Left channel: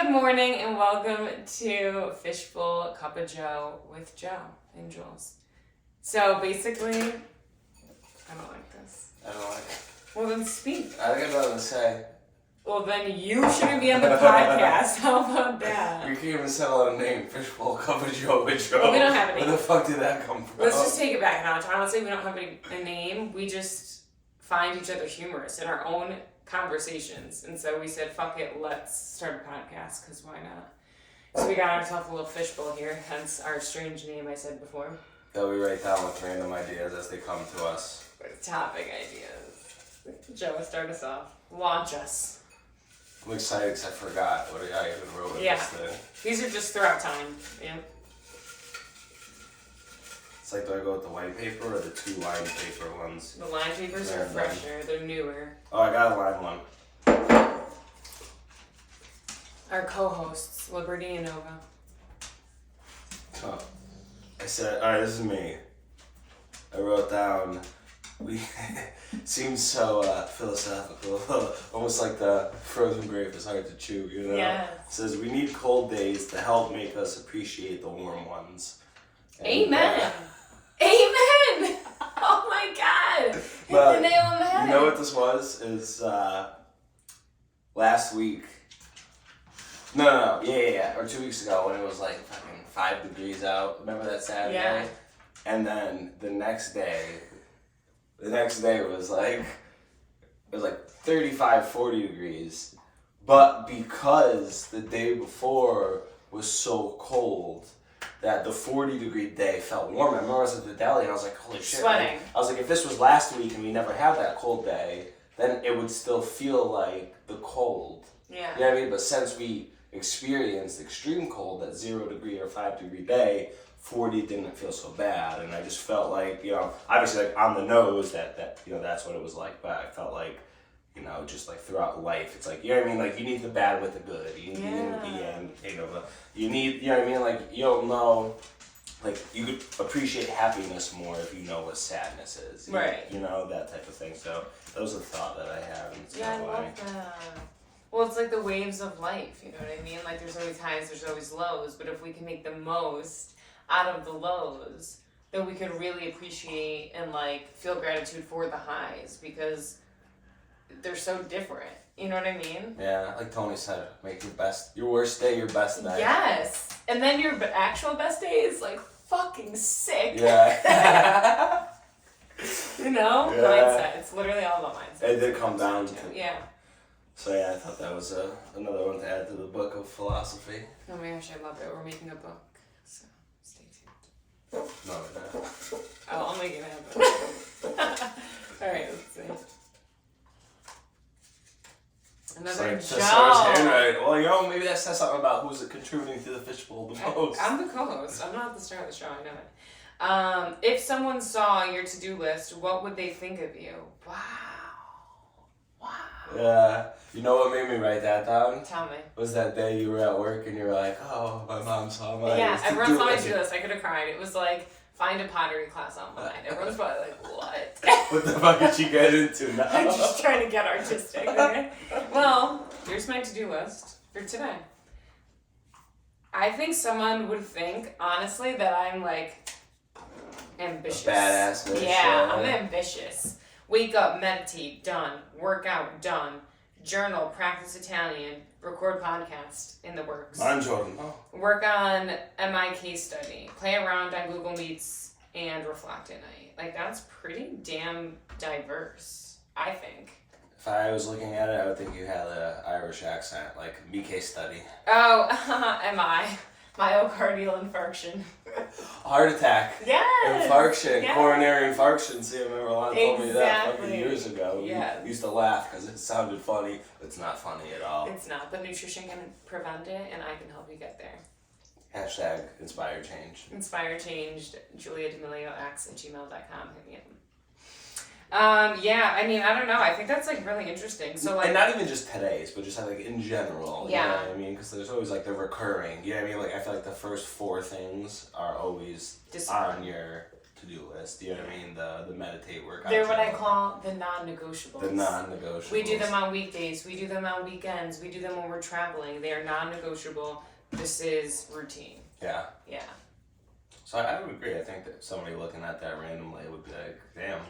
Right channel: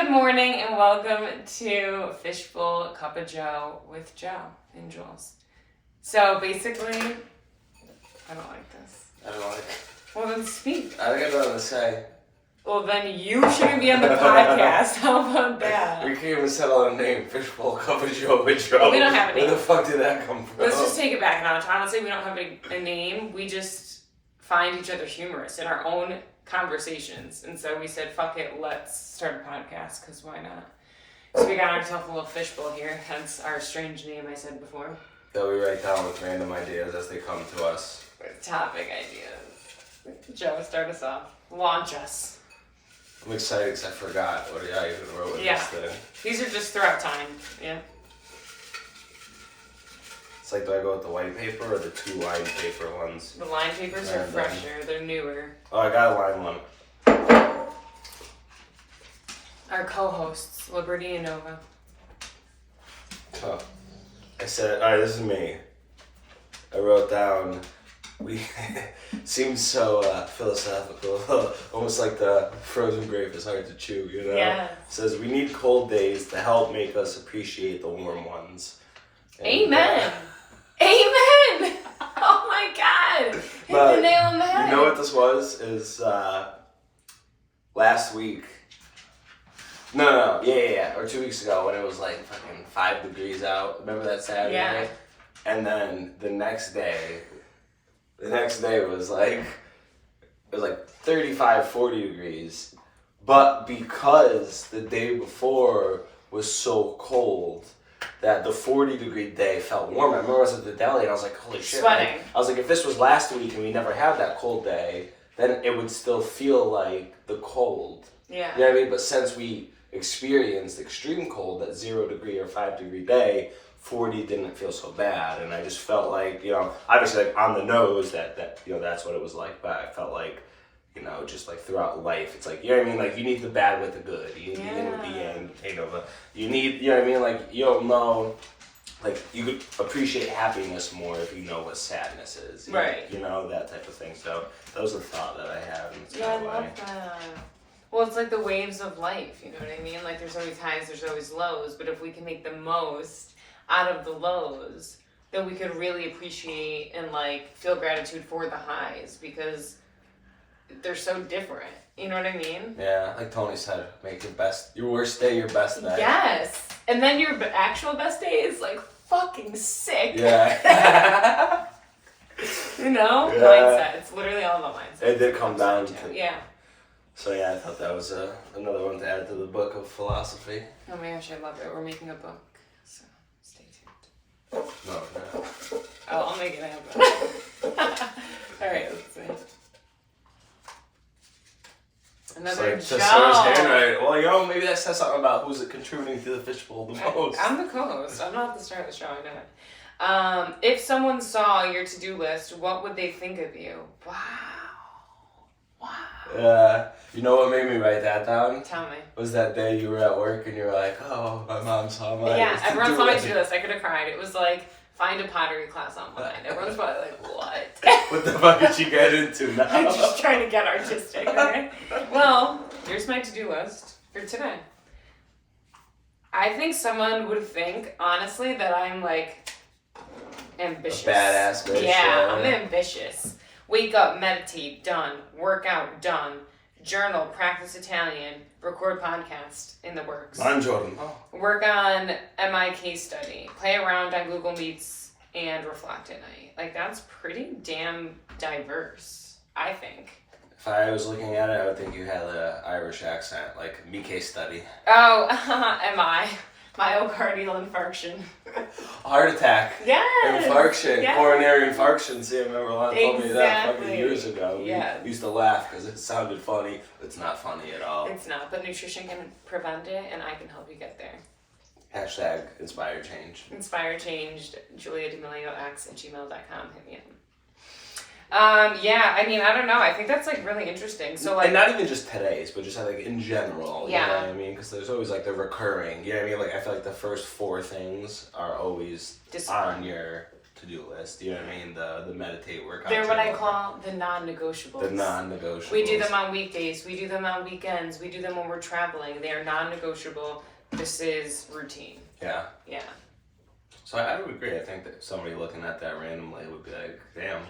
good morning, and welcome to Fishbowl Cup of Joe with Joe and Jules. So basically, I don't like this. I don't like it. Well, then speak. I think I got nothing to say. Well, then you shouldn't be on the podcast. How about that? We can't even settle on a name. Fishbowl Cup of Joe with Joe. Well, we don't have a name. Where the fuck did that come from? Let's just take it back a notch. Honestly, we don't have a name. We just find each other humorous in our own conversations. And so we said, fuck it, let's start a podcast, because why not? So we got ourselves a little fishbowl here, hence our strange name I said before. That we write down with random ideas as they come to us. Topic ideas. Joe, start us off. Launch us. I'm excited because I forgot what I even wrote in this thing. These are just throughout time. Yeah. It's like, do I go with the white paper or the two lined paper ones? The line papers are fresher. They're newer. Oh, I got a line one. Our co-hosts, Liberty and Nova. Oh. I said, alright, this is me. I wrote down, we seemed so philosophical, almost like the frozen grape is hard to chew, you know? Yeah. It says, we need cold days to help make us appreciate the warm ones. And, Amen! Amen! Oh my god! Hit the nail on the head. You know what this was? Is last week. No. Yeah. Or 2 weeks ago when it was like fucking 5 degrees out. Remember that Saturday? Yeah. And then the next day was like, it was like 35, 40 degrees. But because the day before was so cold, that the 40-degree day felt warm. I remember I was at the deli and I was like, holy shit. Sweating. I was like, if this was last week and we never had that cold day, then it would still feel like the cold. Yeah. You know what I mean? But since we experienced extreme cold, that 0-degree or 5-degree day, 40 didn't feel so bad. And I just felt like, you know, obviously like on the nose that you know, that's what it was like. But I felt like, you know, just like throughout life, it's like, you know what I mean? Like, you need the bad with the good. You need the yin with the yang, you know, you need, you know what I mean? Like, you don't know, like, you could appreciate happiness more if you know what sadness is. Right. You know, that type of thing. So, that was a thought that I had. And it's Yeah, I kind of love that. Well, it's like the waves of life, you know what I mean? Like, there's always highs, there's always lows, but if we can make the most out of the lows, then we could really appreciate and, like, feel gratitude for the highs, because they're so different. You know what I mean? Yeah, like Tony said, make your worst day your best day. Yes. And then your actual best day is, like, fucking sick. Yeah. You know? Yeah. Mindset. It's literally all about mindset. It did come down to. Yeah. So yeah, I thought that was another one to add to the book of philosophy. Oh my gosh, I love it. We're making a book. So stay tuned. No. Oh, I'll make it happen. Alright, let's see. Another it's Joe. like Sora's handwriting. Well, you know, maybe that says something about who's contributing to the fishbowl the most. I'm the co-host. I'm not the star of the show, I know it. If someone saw your to-do list, what would they think of you? Wow. Yeah. You know what made me write that down? Tell me. Was that day you were at work and you were like, oh, my mom saw my Yeah, everyone saw my list. to-do list. I could have cried. It was like, find a pottery class online. Everyone's probably like, what? What the fuck did she get into now? I'm just trying to get artistic, okay? Well, here's my to-do list for today. I think someone would think, honestly, that I'm, like, ambitious. A badass bitch. Yeah, I'm ambitious. Wake up, meditate, done. Workout, done. Journal, practice Italian, record podcast, in the works. I'm Jordan. Oh. Work on MI case study, play around on Google Meets, and reflect at night. Like, that's pretty damn diverse, I think. If I was looking at it, I would think you had an Irish accent, like me case study. Oh, MI. Myocardial infarction. Heart attack. Yes. Infarction. Yes. Coronary infarction. See, I remember a lot told me that fucking Exactly. years ago. Yeah. We used to laugh because it sounded funny. It's not funny at all. It's not, but nutrition can prevent it, and I can help you get there. Hashtag inspire change. Inspire changed, juliademiliox@gmail.com. Hit me up. Yeah, I mean, I don't know. I think that's, like, really interesting. So, like, and not even just today's, but just like in general. Yeah. You know what I mean? Because there's always like the recurring. You know what I mean? Like I feel like the first 4 things are always Discipline. on your to-do list. You know what I mean? The meditate workout. They're what I journal. call the non-negotiables. The non-negotiables. We do them on weekdays. We do them on weekends. We do them when we're traveling. They are non-negotiable. This is routine. Yeah. Yeah. So I would agree. I think that somebody looking at that randomly would be like, damn,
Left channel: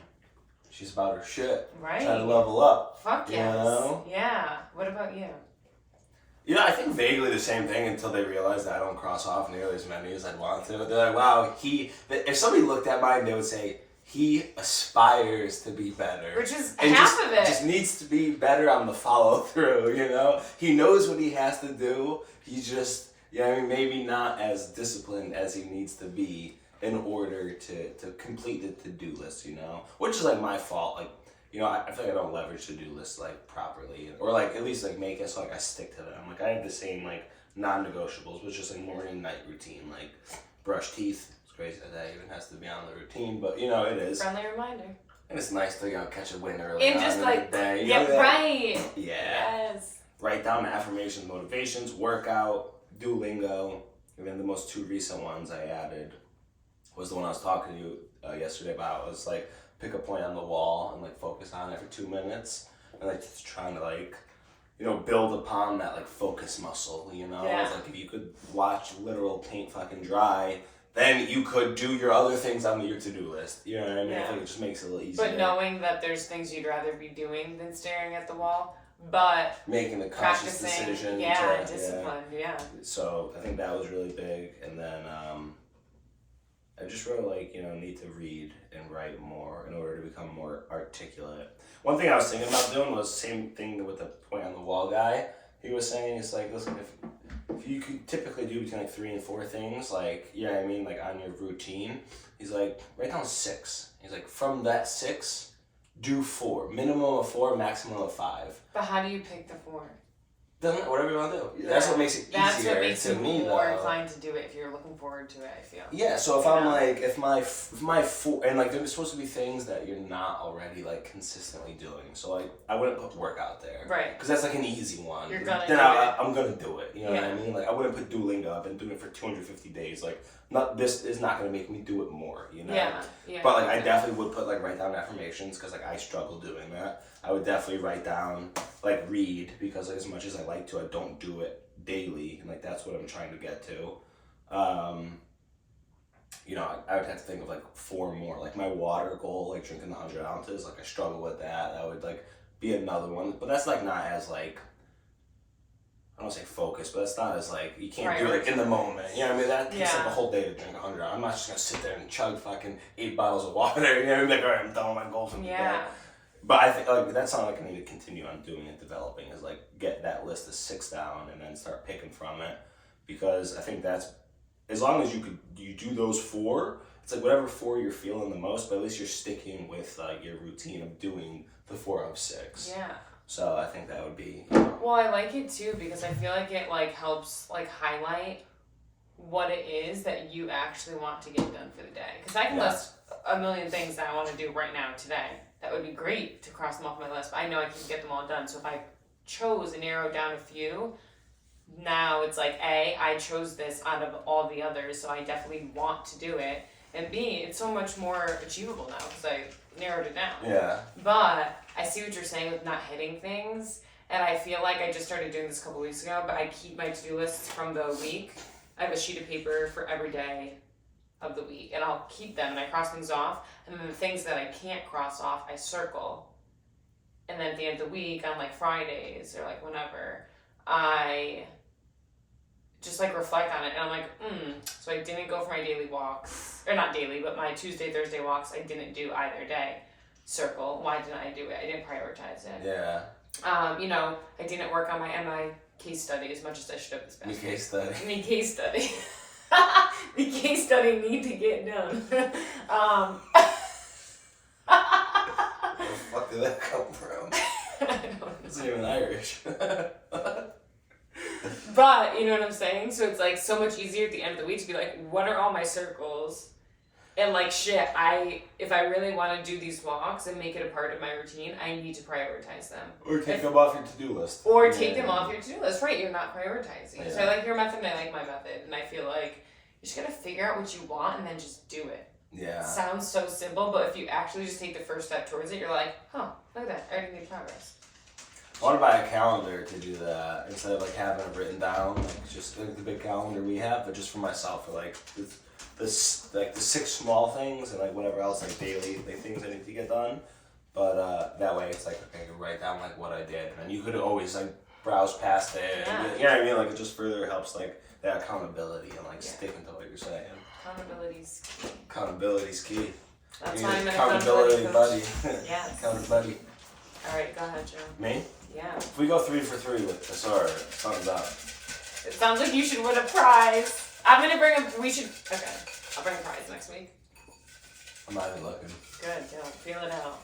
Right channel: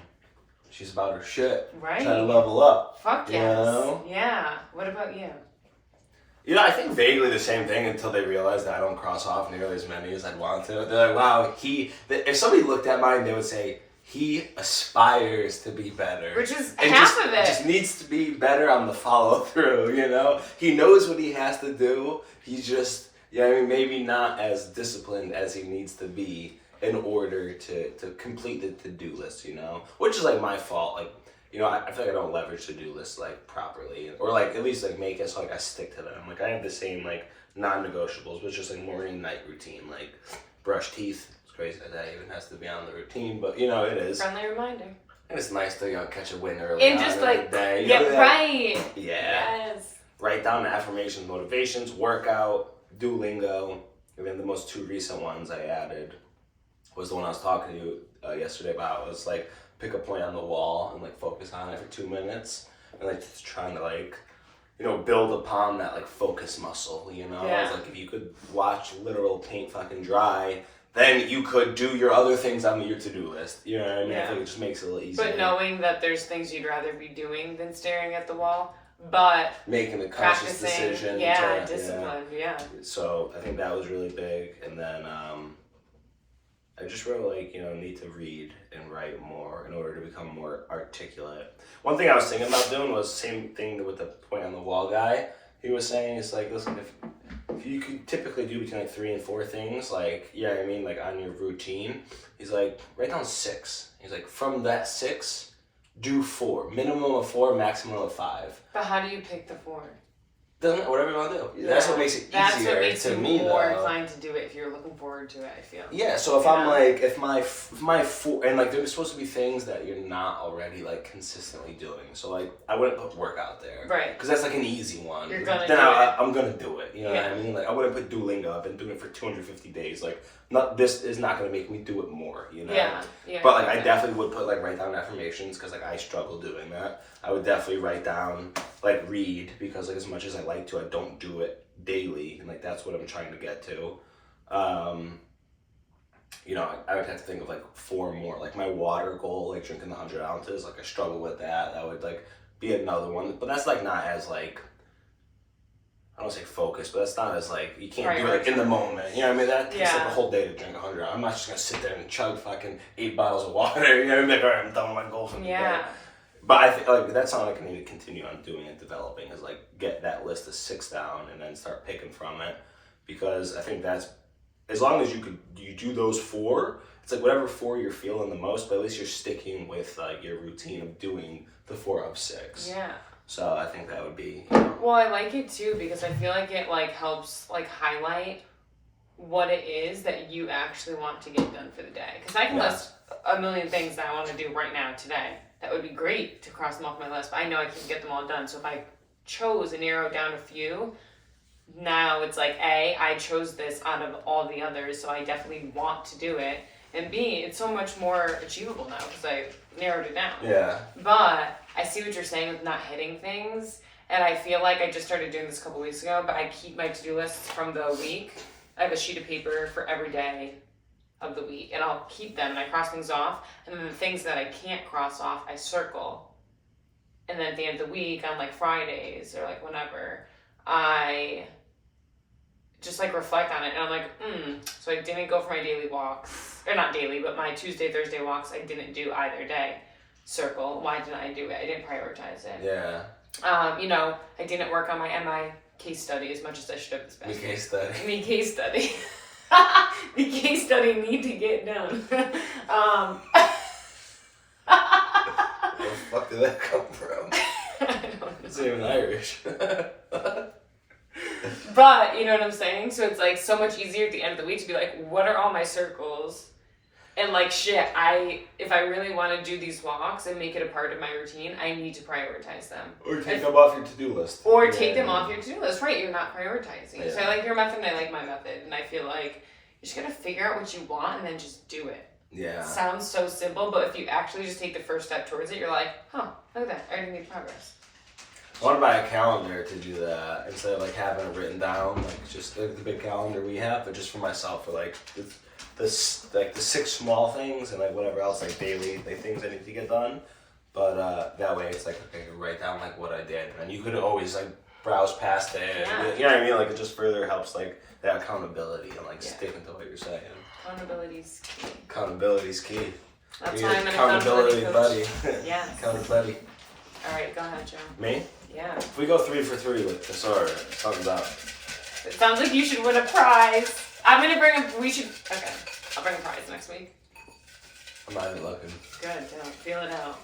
she's about her shit. Right. Trying to level up. Fuck You yes. know? Yeah. What about you? You know, I think vaguely the same thing until they realize that I don't cross off nearly as many as I'd want to. They're like, wow, if somebody looked at mine, they would say, he aspires to be better. Which is and half just, of it. just needs to be better on the follow through, you know? He knows what he has to do. He's just, yeah, I mean, maybe not as disciplined as he needs to be in order to complete the to-do list, you know? Which is like my fault. Like, you know, I feel like I don't leverage to-do lists like properly, or like at least like make it so like I stick to them. Like I have the same like non-negotiables, which is just like morning night routine, like brush teeth. It's crazy that even has to be on the routine, but you know it is. Friendly reminder. And it's nice to catch a win early And on just in like the day. get You know, right. Yeah. Yes. Write down the affirmations, motivations, workout, Duolingo, and then the most two recent ones I added was the one I was talking to you yesterday about. It was like pick a point on the wall and like focus on it for 2 minutes, and like just trying to like, you know, build upon that like focus muscle, you know? Yeah. It's like if you could watch literal paint fucking dry, then you could do your other things on your to-do list. You know what I mean? Yeah. I think it just makes it a little easier. But knowing that there's things you'd rather be doing than staring at the wall, but making a conscious practicing, decision. yeah, to, discipline, yeah. So I think that was really big, and then I just really like, you know, need to read and write more in order to become more articulate. One thing I was thinking about doing was same thing with the point on the wall guy. He was saying it's like, listen, if you could typically do between like 3 and 4 things, like, yeah, I mean, like on your routine, he's like, write down 6. He's like, from that 6, do 4. Minimum of 4, maximum of 5. But how do you pick the 4? Doesn't whatever you want to do. That's what makes it easier That's what makes to you me, more though. inclined to do it if you're looking forward to it, I feel. Yeah, so if You I'm know? like, if my 4, and like there's supposed to be things that you're not already like consistently doing. So like I wouldn't put workout there. Right. Because that's like an easy one. You're gonna then do I'm gonna do it. You know Yeah. what I mean? Like I wouldn't put Duolingo. I've been doing it for 250 days. Like this is not gonna make me do it more. You know. Yeah. But like I definitely would put like write down affirmations because like I struggle doing that. I would definitely write down like read because like as much as I like to, I don't do it daily, and like that's what I'm trying to get to. You know, I would have to think of like 4 more. Like my water goal, like drinking the 100 ounces, like I struggle with that. That would like be another one, but that's like not as like, I don't say focused, but that's not as like, you can't do it like in the moment. You know what I mean? That takes like a whole day to drink 100 ounces. I'm not just gonna sit there and chug fucking 8 bottles of water. You know what I mean? Like, all right, I'm done with my goal for the day. But I think like that's something I can need to continue on doing and developing is like get that list of 6 down and then start picking from it, because I think that's, as long as you do those 4, it's like whatever 4 you're feeling the most, but at least you're sticking with your routine of doing the 4 of 6. Yeah. So I think that would be. Well, I like it too because I feel like it like helps like highlight what it is that you actually want to get done for the day. Because I can list a million things that I want to do right now today. That would be great to cross them off my list, but I know I can get them all done. So if I chose and narrowed down a few, now it's like A, I chose this out of all the others, so I definitely want to do it. And B, it's so much more achievable now because I narrowed it down. Yeah. But I see what you're saying with not hitting things. And I feel like I just started doing this a couple weeks ago, but I keep my to-do lists from the week. I have a sheet of paper for every day of the week, and I'll keep them and I cross things off. And then the things that I can't cross off, I circle. And then at the end of the week, on like Fridays or like whenever, I just like reflect on it. And I'm like, so I didn't go for my daily walks, or not daily, but my Tuesday, Thursday walks, I didn't do either day. Circle. Why didn't I do it? I didn't prioritize it. Yeah. You know, I didn't work on my MI case study as much as I should have this past week. case study. Me case study. The case study need to get done. Where the fuck did that come from? I don't know. It's even Irish. But, you know what I'm saying? So it's like so much easier at the end of the week to be like, what are all my circles? And like, shit, if I really want to do these walks and make it a part of my routine, I need to prioritize them. Or take them off your to-do list. Or take them off your to-do list. Right, you're not prioritizing. Yeah. So I like your method and I like my method. And I feel like you just gotta figure out what you want and then just do it. Yeah. Sounds so simple, but if you actually just take the first step towards it, you're like, huh, look at that, I already made progress. I want to buy a calendar to do that instead of like having it written down, like just like the big calendar we have, but just for myself, for like the 6 small things and like whatever else, like daily things I need to get done. But that way it's like, okay, I can write down like what I did, and you could always like browse past it. Yeah. You know what I mean? Like it just further helps like that accountability and like sticking to what you're saying. Accountability's key. Accountability's key. That's You're why I'm an accountability accountability buddy. coach. Yes. Accountability. Alright, go ahead, Joe. Me? Yeah. If we go 3 for 3 with this, or something's up. It sounds like you should win a prize. I'm gonna bring okay. I'll bring a prize next week. I'm not even looking. Good, don't feel it out.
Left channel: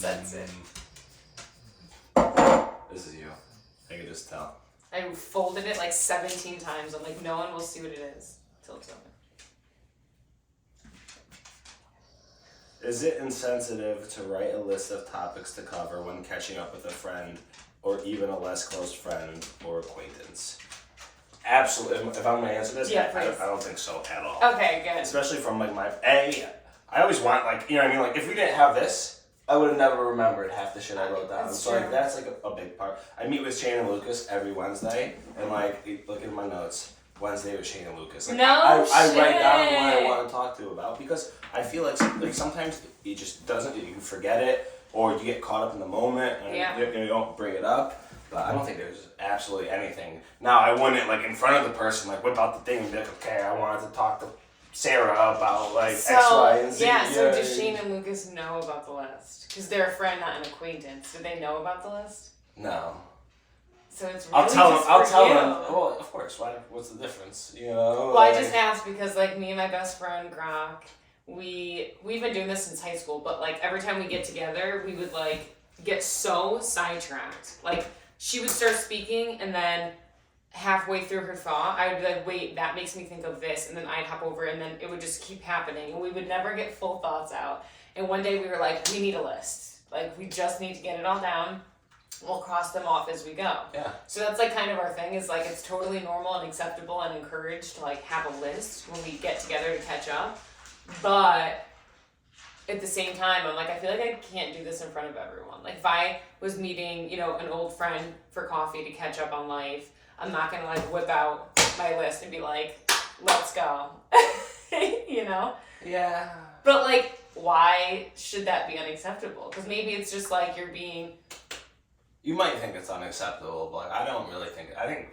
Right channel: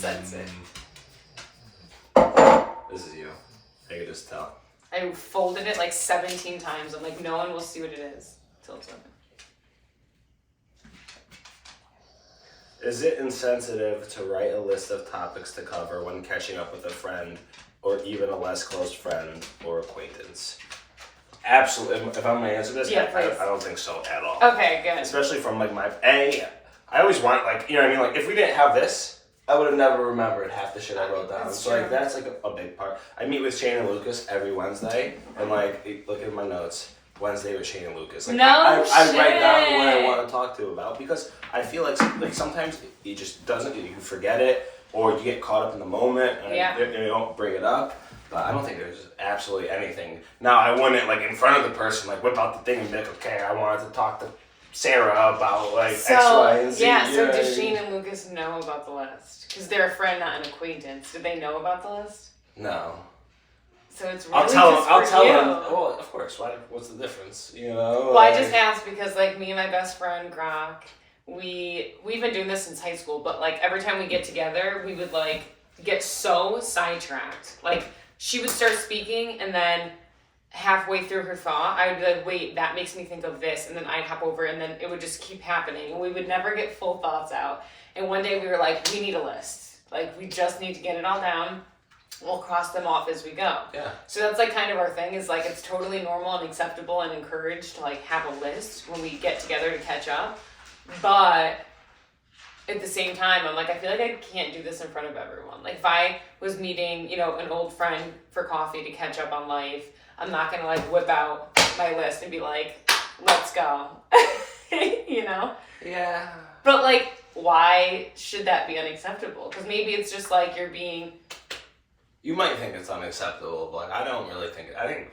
That's it. This is you. I can just tell. I folded it like 17 times. I'm like, no one will see what it is till it's over. Is it insensitive to write a list of topics to cover when catching up with a friend or even a less close friend or acquaintance? Absolutely. If I'm going to answer this, Yeah, please. I don't think so at all. Okay, good. Especially from like I always want like, you know what I mean? Like if we didn't have this, I would have never remembered half the shit I wrote down. That's So true. like that's like a big part. I meet with Shane and Lucas every Wednesday, and like look at my notes. Wednesday with Shane and Lucas. Like, No I write down shit. what I want to talk to about because I feel like sometimes it just doesn't. You forget it, or you get caught up in the moment and you don't bring it up. But I don't think there's absolutely anything. Now I wouldn't like in front of the person like whip out the thing and be like, okay, I wanted to talk to Sarah about like X, Y, and Z. Yeah, you so know what I does mean? Shane and Lucas know about the list? Because they're a friend, not an acquaintance. Do they know about the list? No. So it's really I'll tell them. just I'll for tell you. them. Well, of course. What's the difference? You know. Well, I just asked because like me and my best friend Grok, we've been doing this since high school, but like every time we get together, we would like get so sidetracked. Like she would start speaking and then halfway through her thought, I would be like, wait, that makes me think of this, and then I'd hop over and then it would just keep happening and we would never get full thoughts out. And one day we were like, we need a list. Like we just need to get it all down. We'll cross them off as we go. Yeah. So that's like kind of our thing is like it's totally normal and acceptable and encouraged to like have a list when we get together to catch up. But at the same time, I'm like, I feel like I can't do this in front of everyone. Like if I was meeting, you know, an old friend for coffee to catch up on life, I'm not gonna like whip out my list and be like, let's go. You know? Yeah. But like, why should that be unacceptable? Because maybe it's just like you're being. You might think it's unacceptable, but like, I don't really think. I think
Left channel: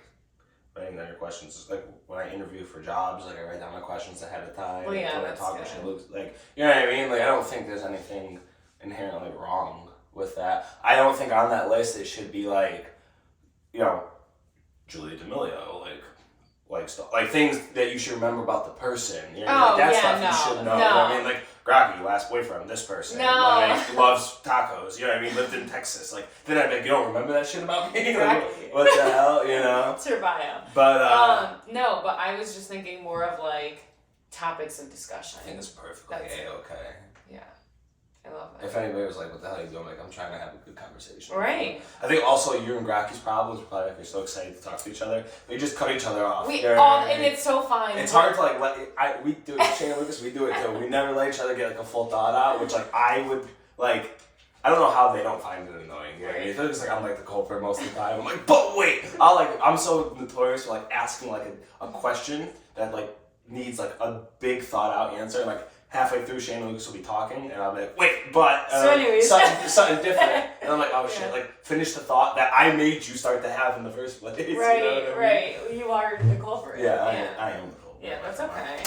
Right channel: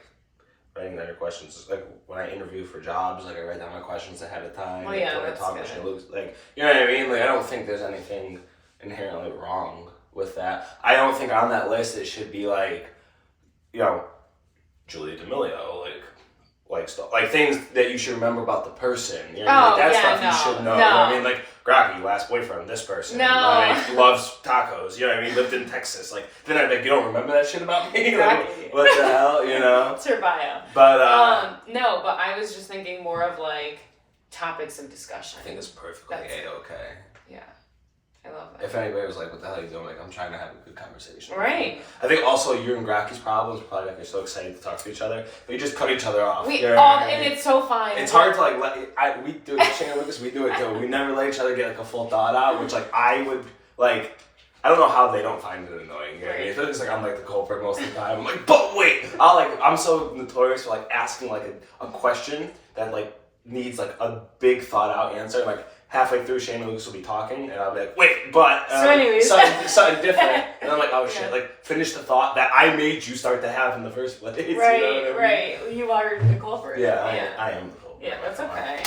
writing down your questions is like when I interview for jobs, like I write down my questions ahead of time. Well, yeah, when that's I talk good. to Lucas, like you know what I mean. Like I don't think there's anything inherently wrong with that. I don't think on that list it should be like, you know, Julia D'Amelio, like stuff, like things that you should remember about the person. You know what I mean? Like, that stuff you should know. You know what I mean? Like Rocky, last boyfriend, this person, like loves tacos. You know what I mean? Lived in Texas. Like then I'd be like, you don't remember that shit about me? Exactly. Like, what the hell? You know? It's her bio. But No, but I was just thinking more of like topics of discussion. I think it's perfectly That's it. okay. Yeah, I love that. If anybody was like, what the hell are you doing? Like, I'm trying to have a good conversation. Right. I think also you and Grocky's problems are probably like you're so excited to talk to each other, but you just cut each other off. We You know all, what I and mean? it's so fine. It's hard to like we do it. Shane and Lucas, we do it too. We never let each other get like a full thought out, which like I would like. I don't know how they don't find it annoying. You know what I mean? It feels like I'm like the culprit most of the time. I'm like, but wait, I'm so notorious for like asking like a question that like needs like a big thought out answer. And, like halfway through, Shane and Lucas will be talking, and I'll be like, wait, but So anyways. something different. And I'm like, oh shit, like finish the thought that I made you start to have in the first place. Right, you know what I mean? right. You are the culprit. Yeah, I am the culprit. Yeah, that's okay.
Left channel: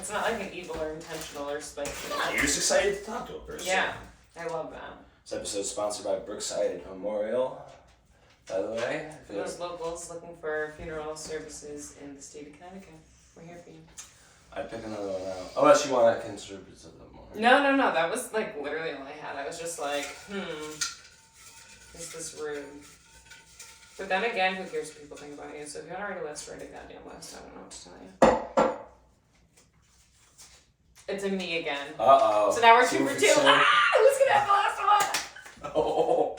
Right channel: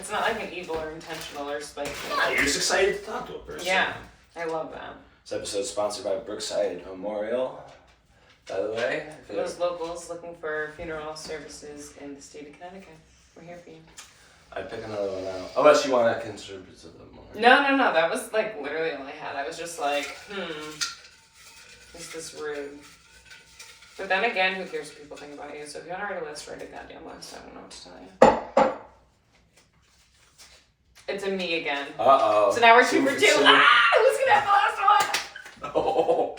It's not like an evil or intentional or spiteful. You're just excited to talk to a person. Yeah, I love that. This episode is sponsored by Brookside Memorial, by the way. For those locals looking for funeral services in the state of Connecticut, we're here for you. I'd pick another one out. Unless you want to contribute to them more. No. That was like literally all I had. I was just like, is this rude? But then again, who cares what people think about you? So if you want to write a list, write a goddamn list. I don't know what to tell you. It's a me again. Uh-oh. So now we're 2 for 2. two. Ah, who's gonna have the last one? Oh.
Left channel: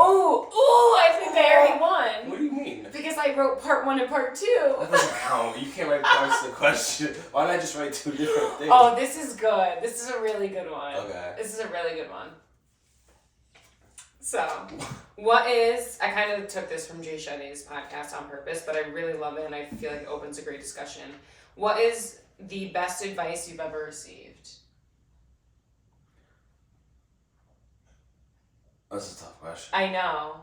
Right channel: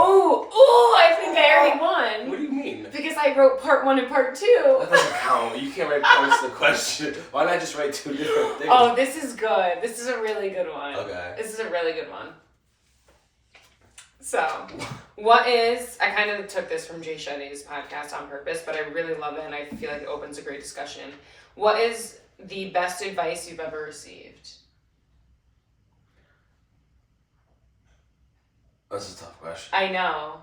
Oh, I think I already won. What do you mean? Because I I wrote part 1 and part 2. That doesn't count. You can't write points to the question. Why did I just write 2 different things? Oh, this is good. This is a really good one. Okay. This is a really good one. So, I kind of took this from Jay Shetty's podcast on purpose, but I really love it and I feel like it opens a great discussion. What is the best advice you've ever received? That's a tough question. I know.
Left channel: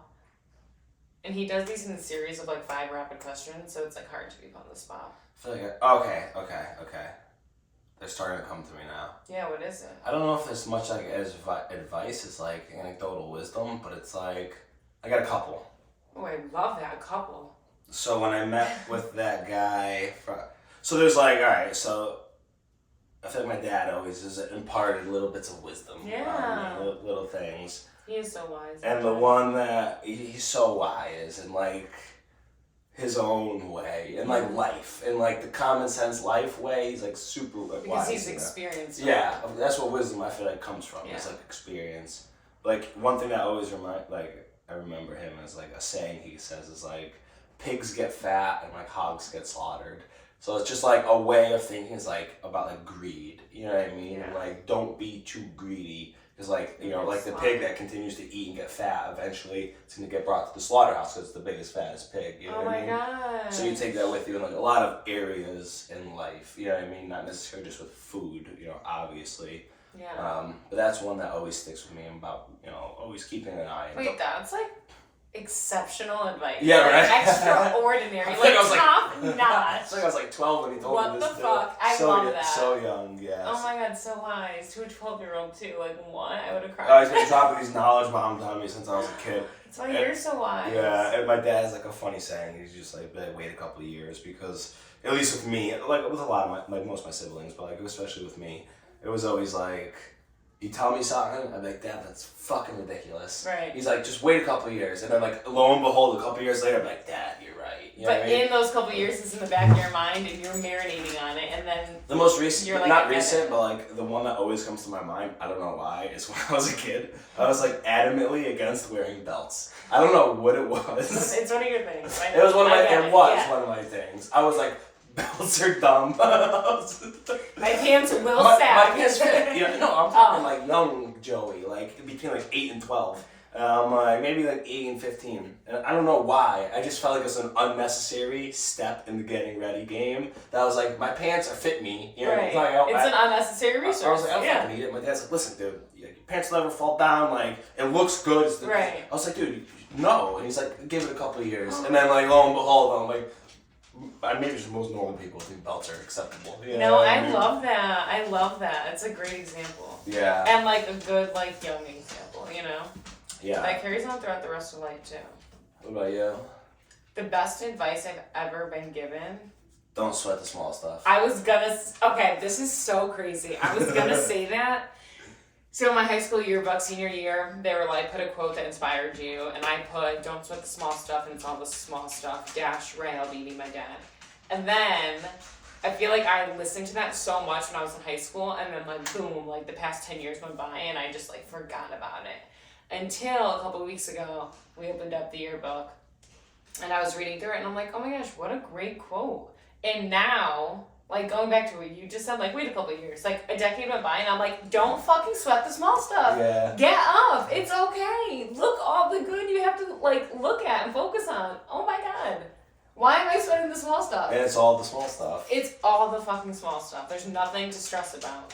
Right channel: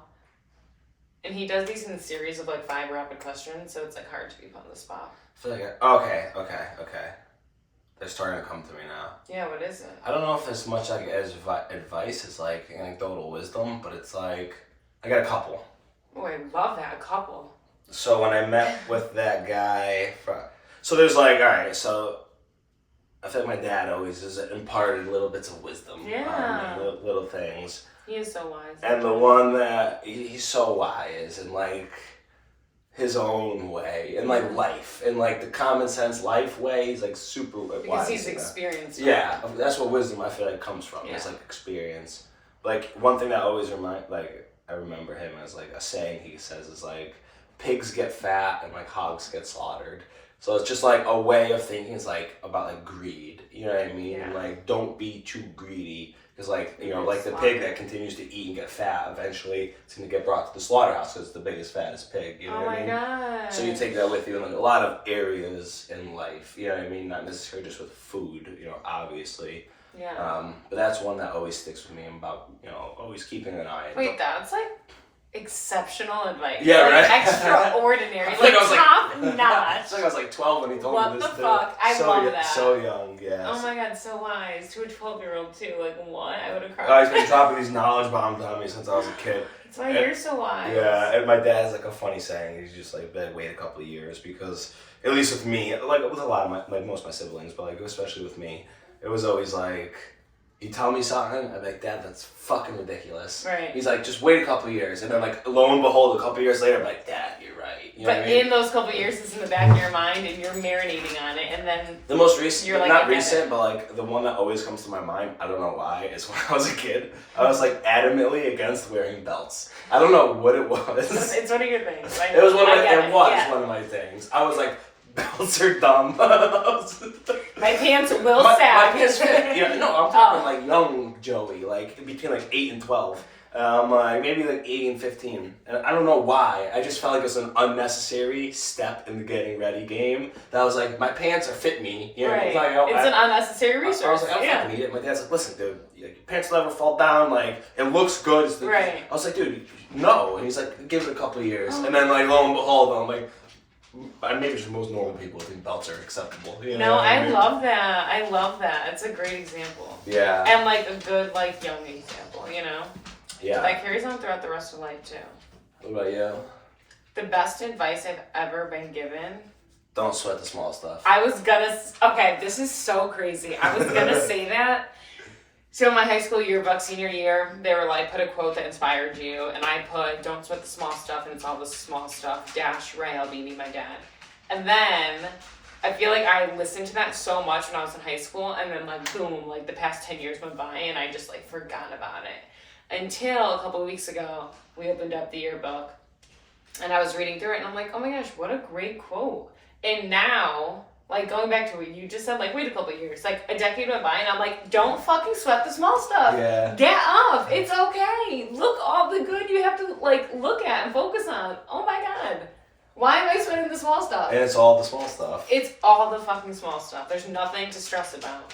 And he does these in a series of like 5 rapid questions, so it's like hard to be put on the spot. I feel like okay. They're starting to come to me now. Yeah, what is it? I don't know if it's much like as advice as like anecdotal wisdom, but it's like I got a couple. Oh, I love that. A couple. So when I met with that guy, so there's like, all right, so I feel like my dad always just imparted little bits of wisdom. Yeah. Little things. He is so wise. And the one that he's so wise and like his own way and like life and like the common sense life way, he's like super wise. Because he's experienced. Yeah, that's what wisdom I feel like comes from. Yeah. It's like experience. Like one thing that always I remember him as like a saying he says is like pigs get fat and like hogs get slaughtered. So it's just like a way of thinking is like about like greed. You know what I mean? Yeah. Like don't be too greedy. Because like, you know, like the pig that continues to eat and get fat, eventually it's going to get brought to the slaughterhouse because it's the biggest, fattest pig. You know what I mean? God. So you take that with you in like a lot of areas in life. You know what I mean? Not necessarily just with food, you know, obviously. Yeah. But that's one that always sticks with me about, you know, always keeping an eye. Wait, that's like exceptional advice. Yeah, like, right? Extraordinary. I Like was like- top notch. It's like I was like 12 when he told What me the this. fuck? I so, love that. So young, yes. Oh my god, so wise. To a 12-year-old too. Like what? I would have cried. Oh, he's been dropping these knowledge bombs on me since I was a kid. That's why you're so wise. Yeah, and my dad has like a funny saying. He's just like, wait a couple of years because, at least with me, like with a lot of most of my siblings, but like especially with me, it was always like, you tell me something, I'm like, Dad, that's fucking ridiculous. Right. He's like, just wait a couple of years, and then like lo and behold, a couple of years later, I'm like, Dad, you're right. You know But what I mean? in those couple of years, it's in the back of your mind, and you're marinating on it, and then The most recent, You're like, not I get recent, it. but like the one that always comes to my mind, I don't know why, is when I was a kid, I was like adamantly against wearing belts. I don't know what it was. it's one of your things. It was one of I my, get it was yeah. one of my things. I was like, belts are dumb. My pants will my sag. pants fit. Yeah, no, I'm talking like young Joey, like between like 8 and 12. Like maybe like 8 and 15. And I don't know why. I just felt like it was an unnecessary step in the getting ready game. That was like, my pants are fit me. You know, Right. Like, It's an unnecessary I was resource. like, I don't Yeah. fucking need it. My dad's like, listen, dude, your pants will never fall down. Like, it looks good. Right. I was like, dude, no. And he's like, give it a couple of years. And then, like, lo and behold, I'm like, maybe just most normal people think belts are acceptable. You know No, what I mean? love that. I love that. It's a great example. Yeah. And like a good, like, young example, you know? Yeah. That carries on throughout the rest of life, too. What about you? The best advice I've ever been given. Don't sweat the small stuff. I was gonna. Okay, this is so crazy. I was gonna say that. So in my high school yearbook, senior year, they were like, put a quote that inspired you, and I put, don't sweat the small stuff, and it's all the small stuff, dash Ray Albini, my dad. And then, I feel like I listened to that so much when I was in high school, and then like, boom, like the past 10 years went by, and I just like forgot about it. Until a couple of weeks ago, we opened up the yearbook, and I was reading through it, and I'm like, oh my gosh, what a great quote. And now, like going back to what you just said, like wait a couple of years, like a decade went by, and I'm like, don't fucking sweat the small stuff. Yeah. Get up. It's okay. Look all the good you have to like look at and focus on. Oh my god. Why am I sweating the small stuff? And it's all the small stuff. It's all the fucking small stuff. There's nothing to stress about.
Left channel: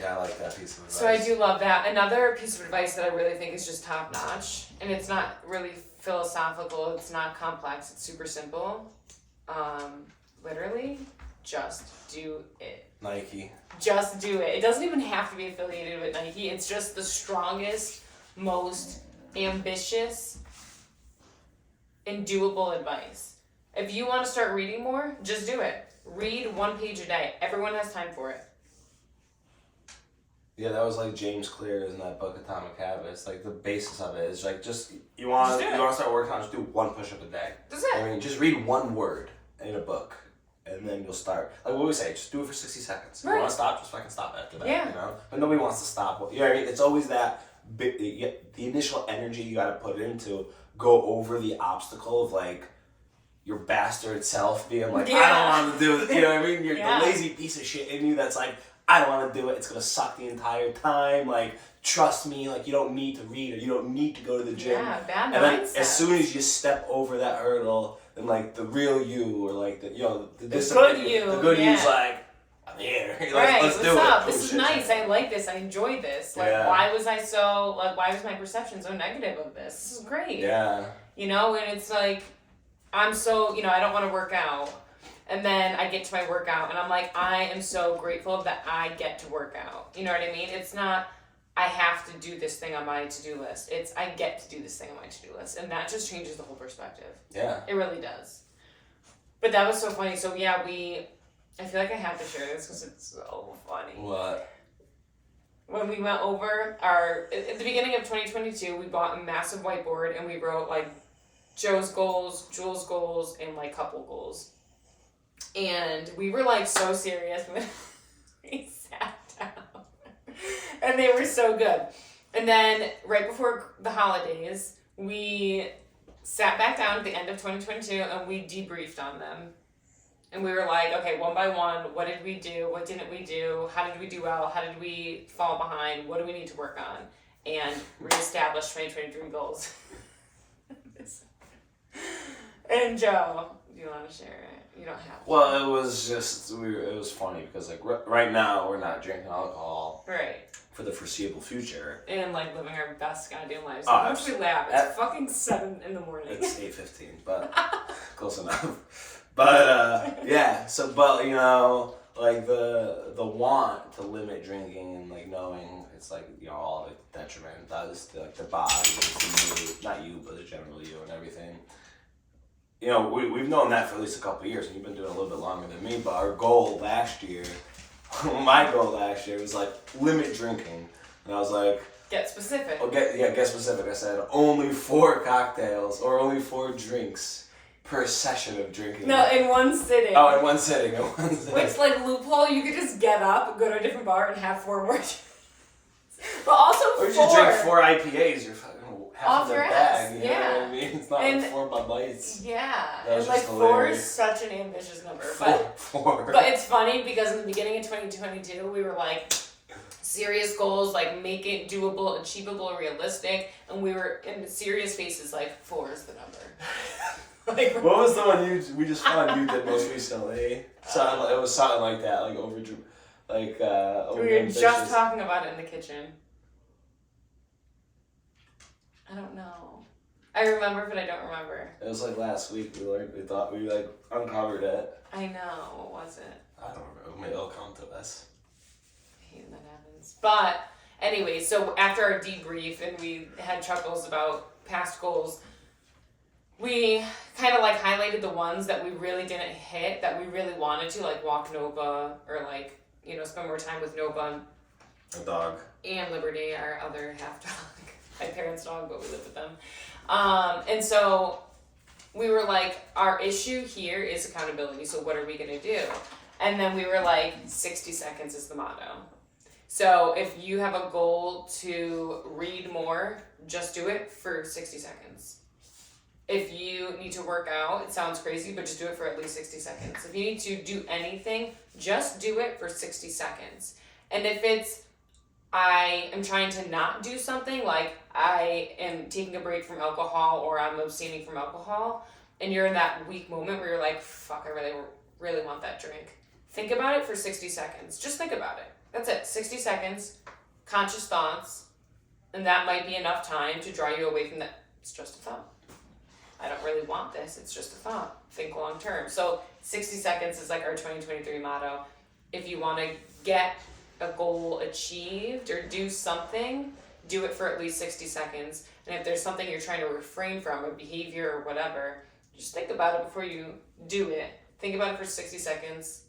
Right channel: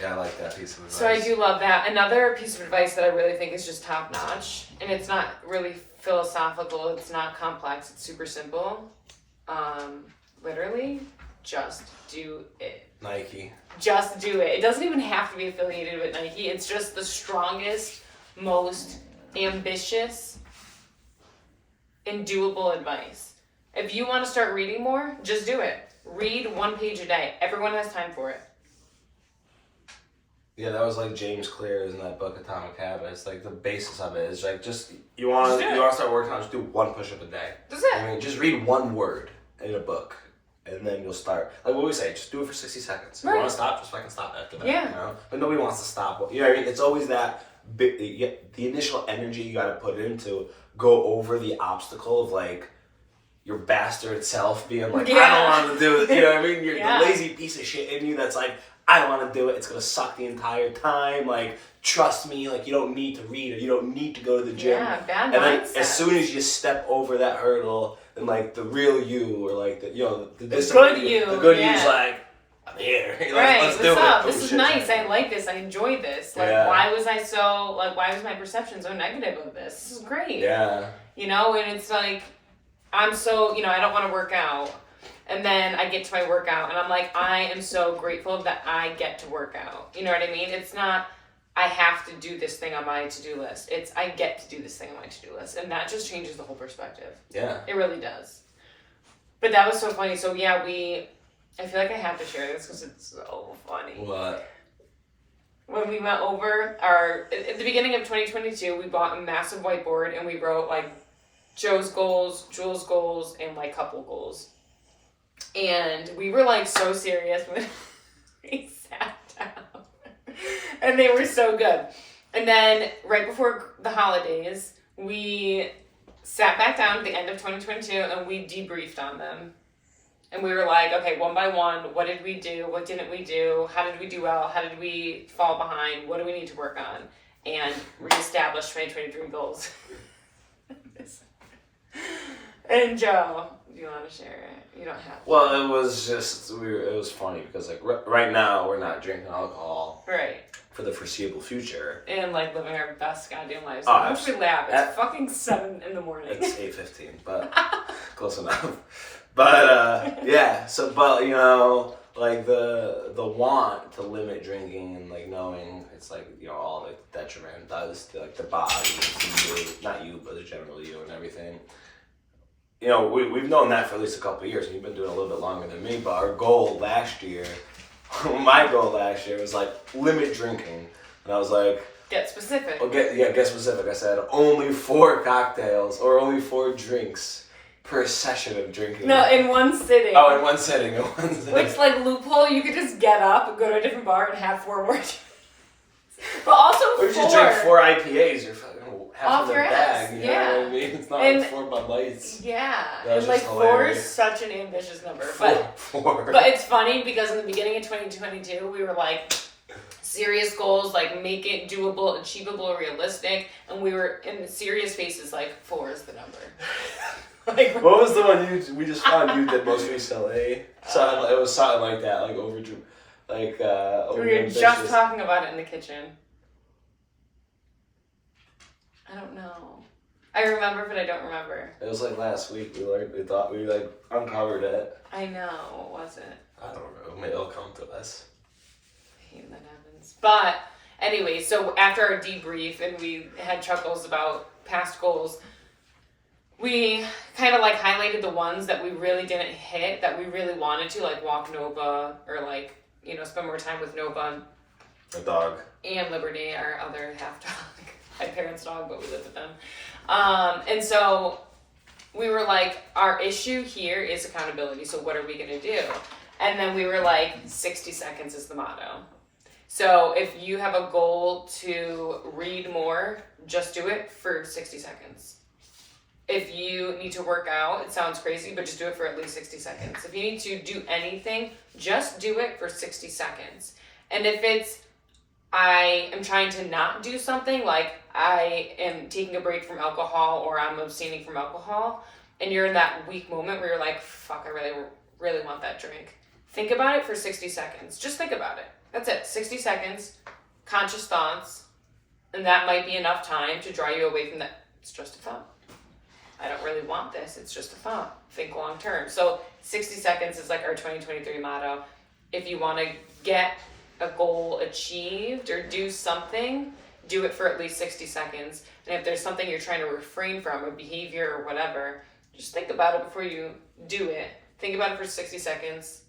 Yeah, I like that piece of advice. So I do love that. Another piece of advice that I really think is just top notch, and it's not really philosophical, it's not complex, it's super simple. Literally, just do it. Nike. Just do it. It doesn't even have to be affiliated with Nike. It's just the strongest, most ambitious, and doable advice. If you want to start reading more, just do it. Read 1 page a day. Everyone has time for it. Yeah, that was like James Clear's in that book Atomic Habits. Like the basis of it is like just you want Just do it. to start working on, just do 1 push-up a day. That's it. I mean, just read 1 word in a book, and then you'll start. Like what we say, just do it for 60 seconds. If you Right. want to stop, just fucking stop after that. Yeah. You know? But nobody wants to stop. You know what I mean? It's always that the initial energy you got to put into go over the obstacle of like your bastard self being like, I Yeah. don't want to do it. You know what I mean? You're Yeah. the lazy piece of shit in you that's like, I don't want to do it. It's gonna suck the entire time. Like, trust me. Like, you don't need to read or you don't need to go to the gym. Yeah, bad And then mindset. as soon as you step over that hurdle, then like the real you or like the the good you, the good yeah. you's like, I'm here. Right, Let's what's do up? it. This Oh, is shit. nice. I like this. I enjoy this. Like, Yeah. why was my perception so negative of this? This is great. Yeah. You know, and it's like, I'm so, I don't want to work out. And then I get to my workout and I'm like, I am so grateful that I get to work out. You know what I mean? It's not, I have to do this thing on my to-do list. It's, I get to do this thing on my to-do list. And that just changes the whole perspective. Yeah. It really does. But that was so funny. So yeah, I feel like I have to share this because it's so funny. What? When we went over at the beginning of 2022, we bought a massive whiteboard and we wrote like Joe's goals, Jules' goals, and like couple goals. And we were like so serious when we sat down. And they were so good. And then right before the holidays, we sat back down at the end of 2022 and we debriefed on them. And we were like, okay, one by one, what did we do? What didn't we do? How did we do well? How did we fall behind? What do we need to work on? And reestablish 2023 goals. And Joe, do you want to share it? You don't have to. Well, it was just it was funny because like right now we're not drinking alcohol Right. for the foreseeable future. And like living our best goddamn lives. Oh, Once we laugh, it's fucking 7 in the morning. It's 8:15, but close enough. But yeah. So, but like the want to limit drinking and like knowing it's like all like detriment does to like the body, to you, not you, but the general you and everything. We've known that for at least a couple of years, and you've been doing it a little bit longer than me. But our goal last year, my goal last year was like limit drinking, and I was like, Get specific. get specific. I said only 4 cocktails or only 4 drinks per session of drinking. No, in one sitting. Oh, in one sitting. Which, like, loophole, you could just get up, go to a different bar, and have 4 more. But also Or you just drink 4 IPAs. You're fucking half Off in your the bag. ass, You yeah. know what I mean? It's not And- like 4 Bud Lights. Yeah. That was And, like, just 4 hilarious. is such an ambitious number. 4. But it's funny because in the beginning of 2022, we were like, serious goals, like make it doable, achievable, realistic, and we were in the serious faces like 4 is the number. Like, What was the one we just found you did most recently? It was something like that, like over we were just ambitious. talking about it in the kitchen. I don't know. I remember, but I don't remember. It was like last week. We thought we uncovered it. I know. What was it? I don't know. Maybe it'll come to us. I hate when that happens. But anyway, so after our debrief and we had chuckles about past goals, we kind of like highlighted the ones that we really didn't hit, that we really wanted to, like walk Nova or like, spend more time with Nova A dog. and Liberty, our other half dog. My parents' dog, but we lived with them. And so we were like, our issue here is accountability. So what are we going to do? And then we were like, 60 seconds is the motto. So if you have a goal to read more, just do it for 60 seconds. If you need to work out, it sounds crazy, but just do it for at least 60 seconds. If you need to do anything, just do it for 60 seconds. And if it's, I am trying to not do something, like I am taking a break from alcohol or I'm abstaining from alcohol, and you're in that weak moment where you're like, fuck, I really, really want that drink. Think about it for 60 seconds. Just think about it. That's it. 60 seconds, conscious thoughts, and that might be enough time to draw you away from that. It's just a thought. I don't really want this. It's just a thought. Think long term. So 60 seconds is like our 2023 motto. If you want to get a goal achieved or do something, do it for at least 60 seconds. And if there's something you're trying to refrain from, a behavior or whatever, just think about it before you do it. Think about it for 60 seconds.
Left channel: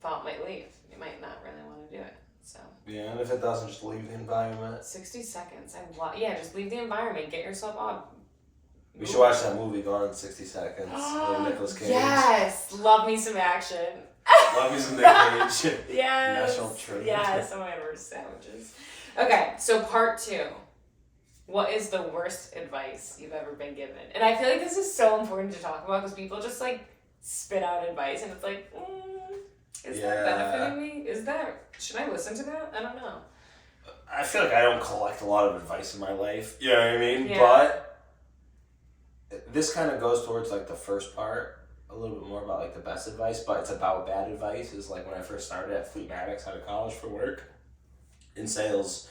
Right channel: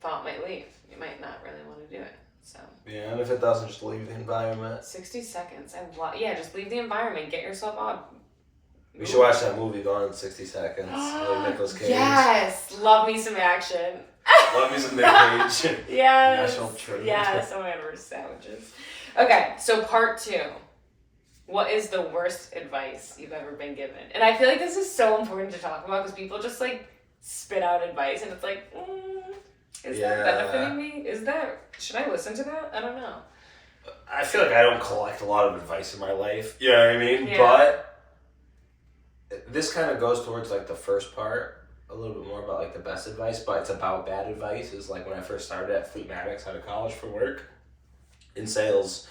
Thought might leave. You might not really want to do it. So Yeah, and if it doesn't, just leave the environment. 60 seconds. Just leave the environment. Get yourself up. We should watch that movie Gone in 60 Seconds. Like Nicolas Cage. Yes, love me some action. Love you some Nick Cage. Yes. National treasure. Yes. Oh my god, we're sandwiches. Okay, so part 2. what is the worst advice you've ever been given? And I feel like this is so important to talk about because people just like spit out advice and it's like, is that benefiting me? Should I listen to that? I don't know. I feel like I don't collect a lot of advice in my life. You know what I mean? Yeah. But this kind of goes towards like the first part a little bit more about like the best advice, but it's about bad advice. Is like when I first started at Fleetmatics out of college for work in sales,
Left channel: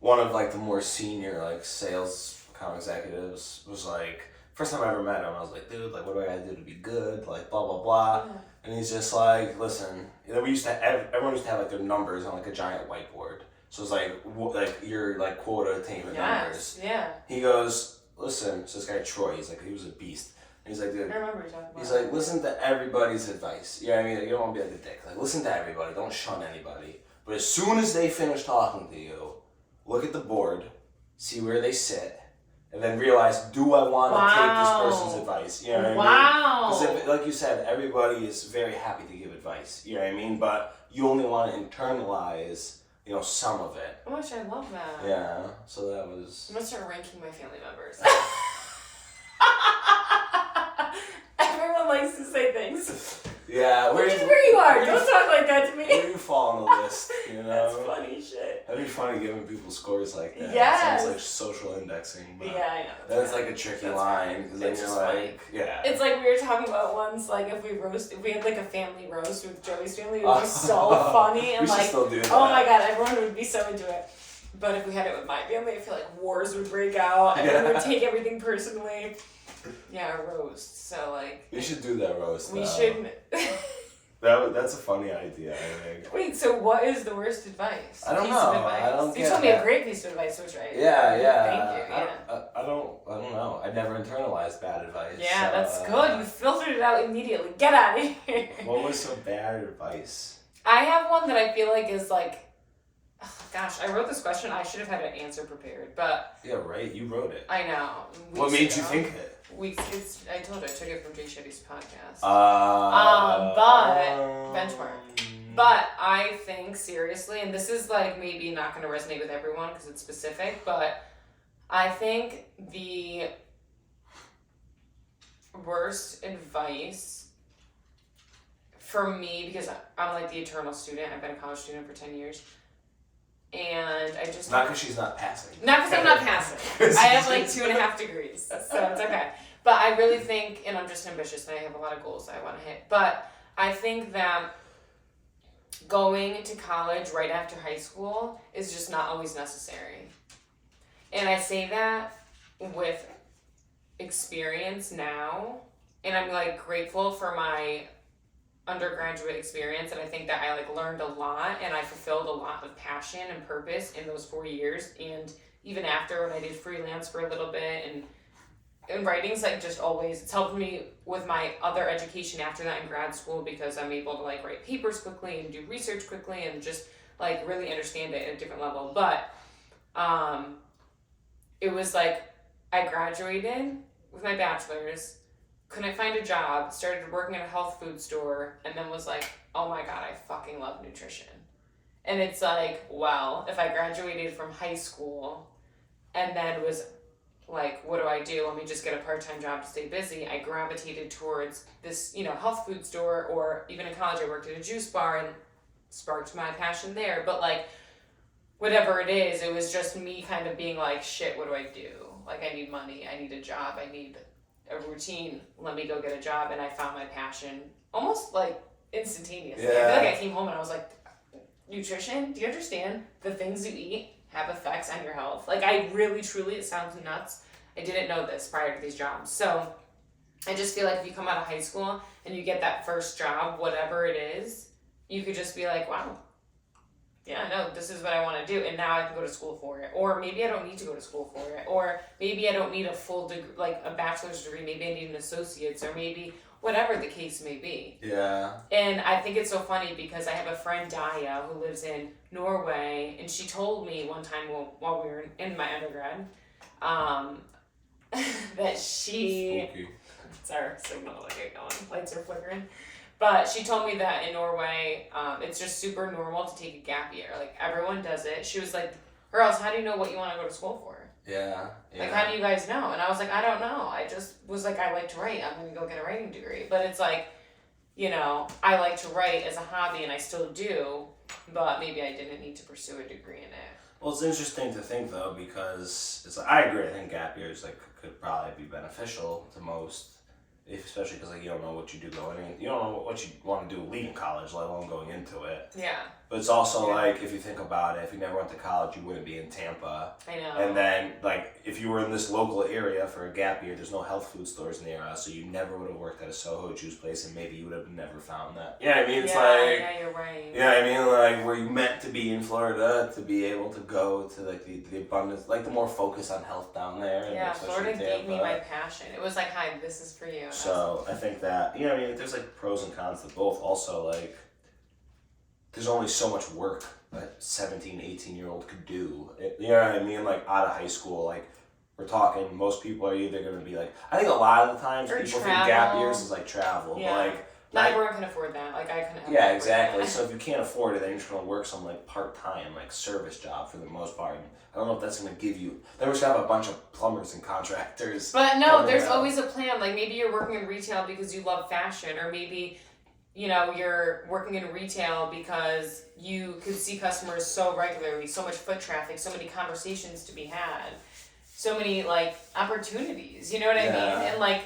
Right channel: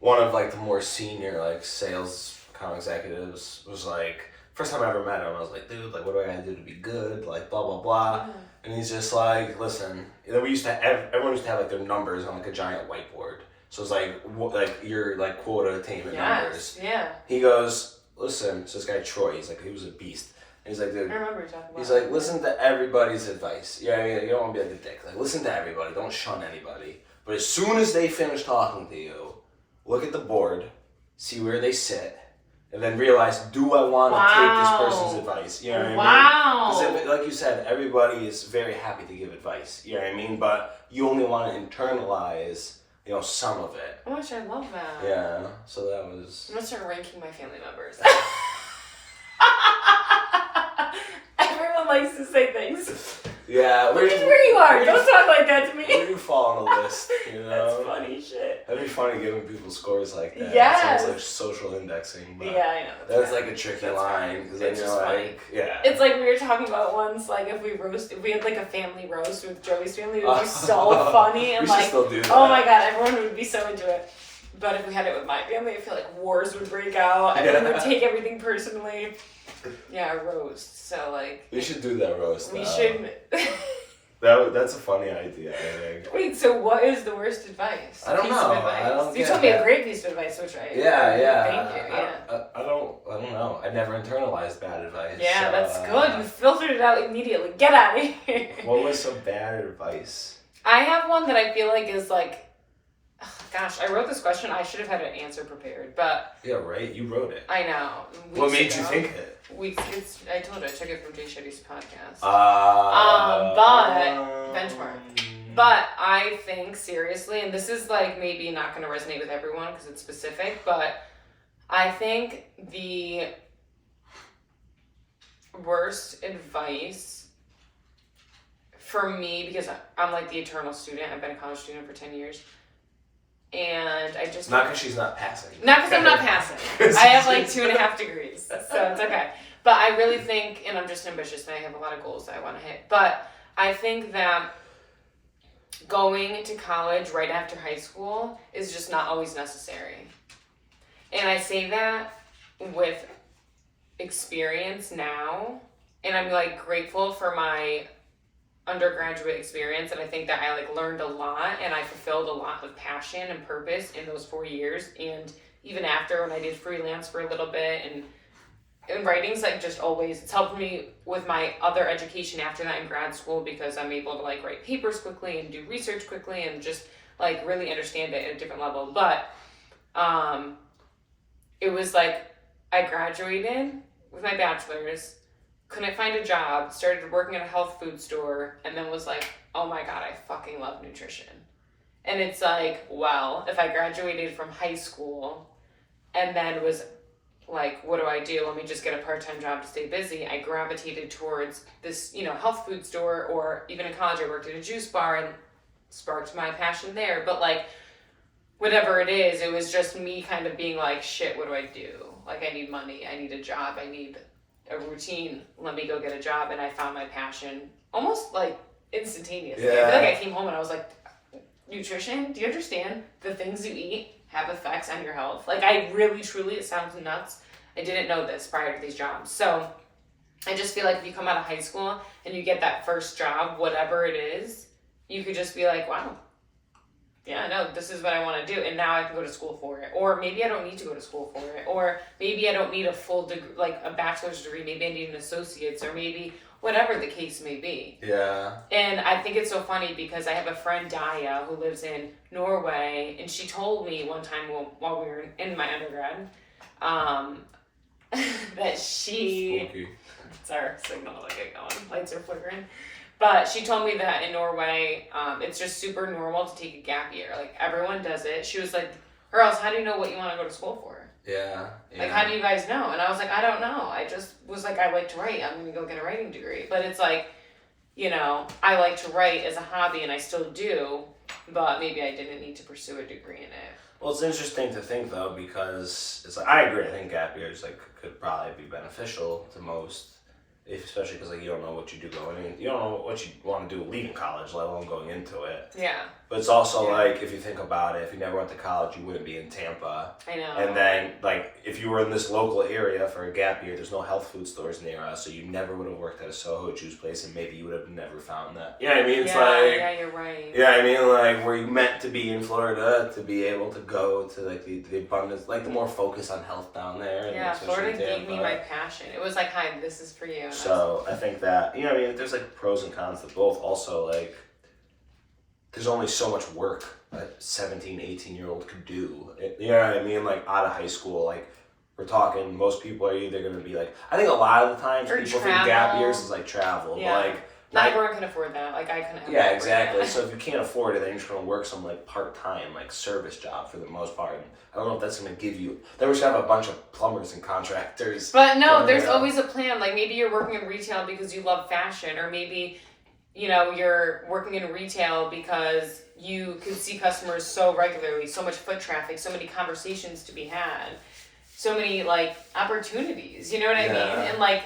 one of like the more senior like sales account executives was like, first time I ever met him, I was like, dude, like what do I gotta do to be good? Like blah blah blah. Yeah. And he's just like, listen, you know, everyone used to have like their numbers on like a giant whiteboard. So it's like your like quota attainment numbers. Yeah. He goes, listen, so this guy Troy, he was a beast. And he's like, dude, I remember you talking about he's like, listen to everybody's advice. You know what I mean? Like, you don't want to be like a dick. Like, listen to everybody. Don't shun anybody. But as soon as they finish talking to you, look at the board, see where they sit, and then realize, do I want to take this person's advice? You know what I mean? Because like you said, everybody is very happy to give advice. You know what I mean? But you only want to internalize, you know, some of it. Oh gosh, I love that. Yeah, so that was... I'm gonna start ranking my family members. Everyone likes to say things. Yeah, Look at where you are. Don't talk like that to me. Where do you fall on the list? You know? That's funny shit. That'd be funny giving people scores like that. Yes. It sounds like social indexing, but Yeah, I know. that's like a tricky line because then It's you're just like, funny. yeah. It's like we were talking about once, like if we had like a family roast with Joey's family, it would be so funny and we should like, still do that. oh my god, everyone would be so into it. But if we had it with my family, I feel like wars would break out. Everyone would take everything personally. Yeah, a roast. So like. We should do that roast. We should. That's a funny idea, I think. Wait, so what is the worst advice? I don't Piece know. Of advice? I don't You get told me that. a great piece of advice, which I Yeah. Thank you. Yeah. I don't know. I never internalized bad advice. Yeah, that's good. You filtered it out immediately. Get out of here. What was some bad advice? I have one that I feel like is like, oh, gosh, I wrote this question. I should have had an answer prepared, but Yeah, right. You wrote it. I know. What made Weeks you ago. think it? I told you I took it from Jay Shetty's podcast. But Benchmark. But I think seriously, and this is like maybe not going to resonate with everyone because it's specific, but I think the worst advice for me, because I'm like the eternal student, I've been a college student for 10 years, and I just... Not because she's not passing. Not because I'm not passing. I have like 2.5 degrees, so it's okay. But I really think, and I'm just ambitious and I have a lot of goals that I want to hit, but I think that going to college right after high school is just not always necessary. And I say that with experience now, and I'm like grateful for my undergraduate experience, and I think that I like learned a lot and I fulfilled a lot of passion and purpose in those 4 years, and even after when I did freelance for a little bit, and writing's like just always, it's helped me with my other education after that in grad school because I'm able to like write papers quickly and do research quickly and just like really understand it at a different level. But it was like I graduated with my bachelor's, couldn't find a job, started working at a health food store, and then was like, oh my god, I fucking love nutrition. And it's like, well, if I graduated from high school and then was like, what do I do? Let me just get a part-time job to stay busy. I gravitated towards this, health food store, or even in college I worked at a juice bar and sparked my passion there. But like, whatever it is, it was just me kind of being like, shit, what do I do? Like, I need money, I need a job, I need a routine. Let me go get a job. And I found my passion almost like instantaneously. Yeah. I feel like I came home and I was like, nutrition, do you understand the things you eat have effects on your health? Like, I really, truly, it sounds nuts, I didn't know this prior to these jobs. So I just feel like if you come out of high school and you get that first job, whatever it is, you could just be like, wow, yeah, no, this is what I want to do, and now I can go to school for it. Or maybe I don't need to go to school for it. Or maybe I don't need a full degree, like a bachelor's degree. Maybe I need an associate's, or maybe whatever the case may be. Yeah. And I think it's so funny because I have a friend, Daya, who lives in Norway, and she told me one time while we were in my undergrad, that she... Spooky. It's our signal to get going. Lights are flickering. But she told me that in Norway, it's just super normal to take a gap year. Like, everyone does it. She was like, or else how do you know what you want to go to school for? Yeah. Like, how do you guys know? And I was like, I don't know. I just was like, I like to write. I'm going to go get a writing degree. But it's like, you know, I like to write as a hobby and I still do, but maybe I didn't need to pursue a degree in it. Well, it's interesting to think though, because it's like, I agree. I think gap years like could probably be beneficial to most, especially because like you don't know what you do going in. You don't know what you want to do leaving college, let alone going into it. Yeah. But it's also like, if you think about it, if you never went to college, you wouldn't be in Tampa. I know. And then, like, if you were in this local area for a gap year, there's no health food stores near us, so you never would have worked at a Soho juice place, and maybe you would have never found that. Yeah, I mean, it's yeah, you're right. Yeah, I mean, like, were you meant to be in Florida to be able to go to, like, the abundance, like, the more focus on health down there. And Yeah, especially Florida gave me Tampa. my passion. It was like, hi, this is for you. And So, I think that, you know, I mean, there's, like, pros and cons to both. Also, like, there's only so much work a 17, 18-year-old could do. You know what I mean? Like, out of high school, like, we're talking, most people are either going to be like, I think a lot of the times Or people travel. think gap years is like travel. Yeah. But, like, Not everyone can afford that. Like, I couldn't. yeah, exactly. So if you can't afford it, then you're just going to work some, like, part-time, like, service job for the most part. And I don't know if that's going to give you, then we should have a bunch of plumbers and contractors. But no, coming there's out. always a plan. Like, maybe you're working in retail because you love fashion, or maybe, you know, you're working in retail because you could see customers so regularly, so much foot traffic, so many conversations to be had, so many, like, opportunities, you know what I Yeah. mean? And, like,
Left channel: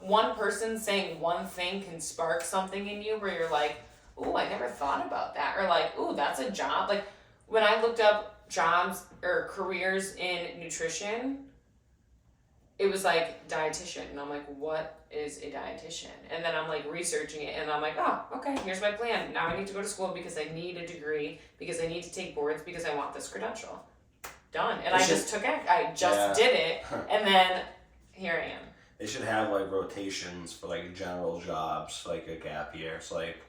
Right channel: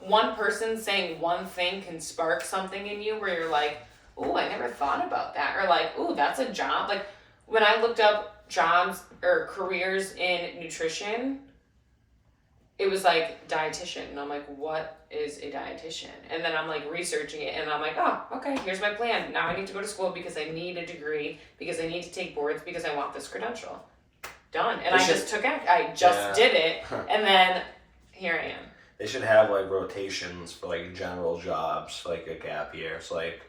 one person saying one thing can spark something in you where you're like, ooh, I never thought about that. Or like, ooh, that's a job. Like, when I looked up jobs or careers in nutrition, it was like dietitian. And I'm like, what is a dietitian? And then I'm like researching it and I'm like, oh, okay, here's my plan. Now I need to go to school because I need a degree, because I need to take boards, because I want this credential. Done. And I just took it. I just did it. And then here I am. They should have, like, rotations for, like, general jobs for, like, a gap year. So, like,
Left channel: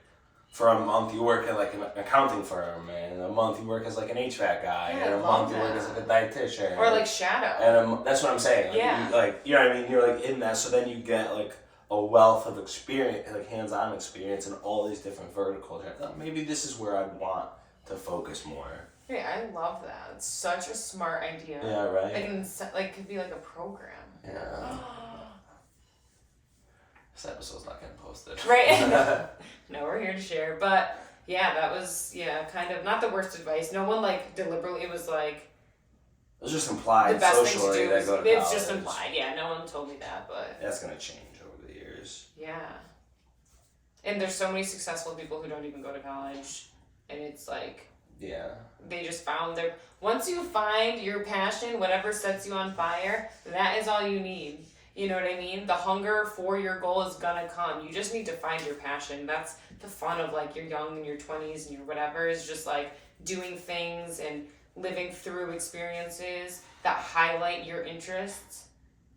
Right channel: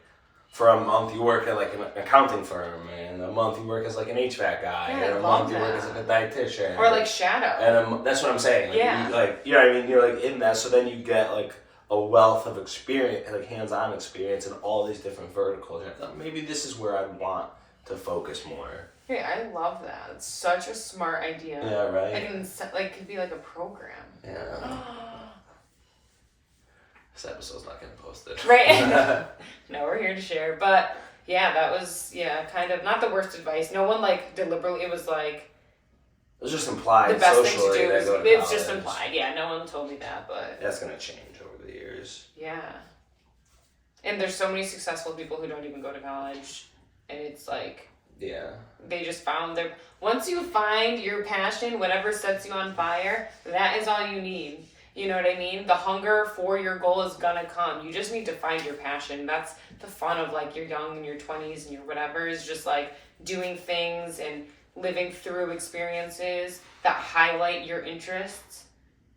for a month you work at, like, an accounting firm, and a month you work as, like, an HVAC guy, Yeah, and I a love month you work as, that. like, a dietitian. Or like shadow. And that's what I'm saying. Like, Yeah. You know what I mean? You're, like, in that, so then you get, like, a wealth of experience, like, hands-on experience in all these different verticals. You're like, oh, maybe this is where I'd want to focus more. Yeah, I love that. It's such a smart idea. Yeah, right? Like, could be like a program. Yeah. This episode's not getting posted. Right? No, we're here to share. But yeah, that was, kind of not the worst advice. No one, like, deliberately, it was like, It was just implied the best thing to socially do that is, go to it's just college. implied. Yeah, no one told me that, but That's gonna change over the years. yeah. And there's so many successful people who don't even go to college. And it's like, Yeah. they just found their, once you find your passion, whatever sets you on fire, that is all you need. You know what I mean? The hunger for your goal is gonna come. You just need to find your passion. That's the fun of, like, you're young in your 20s and your whatever, is just like doing things and living through experiences that highlight your interests,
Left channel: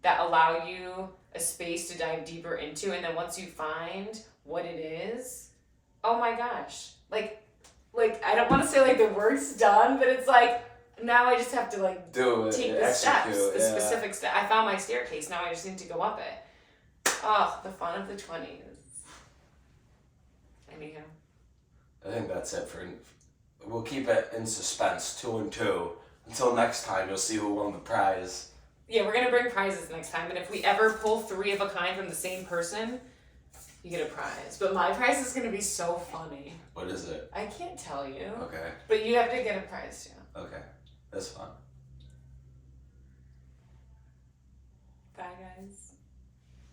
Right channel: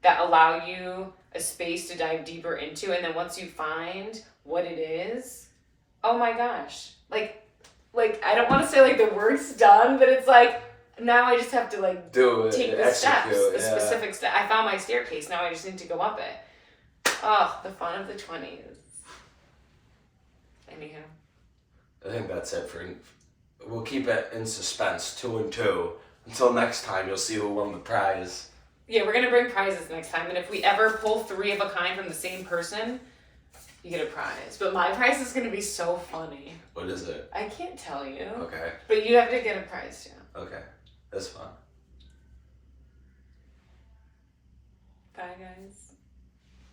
that allow you a space to dive deeper into. And then once you find what it is, oh my gosh, like I don't want to say like the work's done, but it's like, now I just have to, like, Do it. take the execute, steps, the yeah. specific steps. I found my staircase, now I just need to go up it. Oh, the fun of the 20s. Anywho. I think that's it for. We'll keep it in suspense, 2 and 2, until next time. You'll see who won the prize. Yeah, we're gonna bring prizes next time, and if we ever pull 3 of a kind from the same person, you get a prize. But my prize is gonna be so funny. What is it? I can't tell you. Okay. But you have to get a prize too. Okay. That's fun. Bye, guys.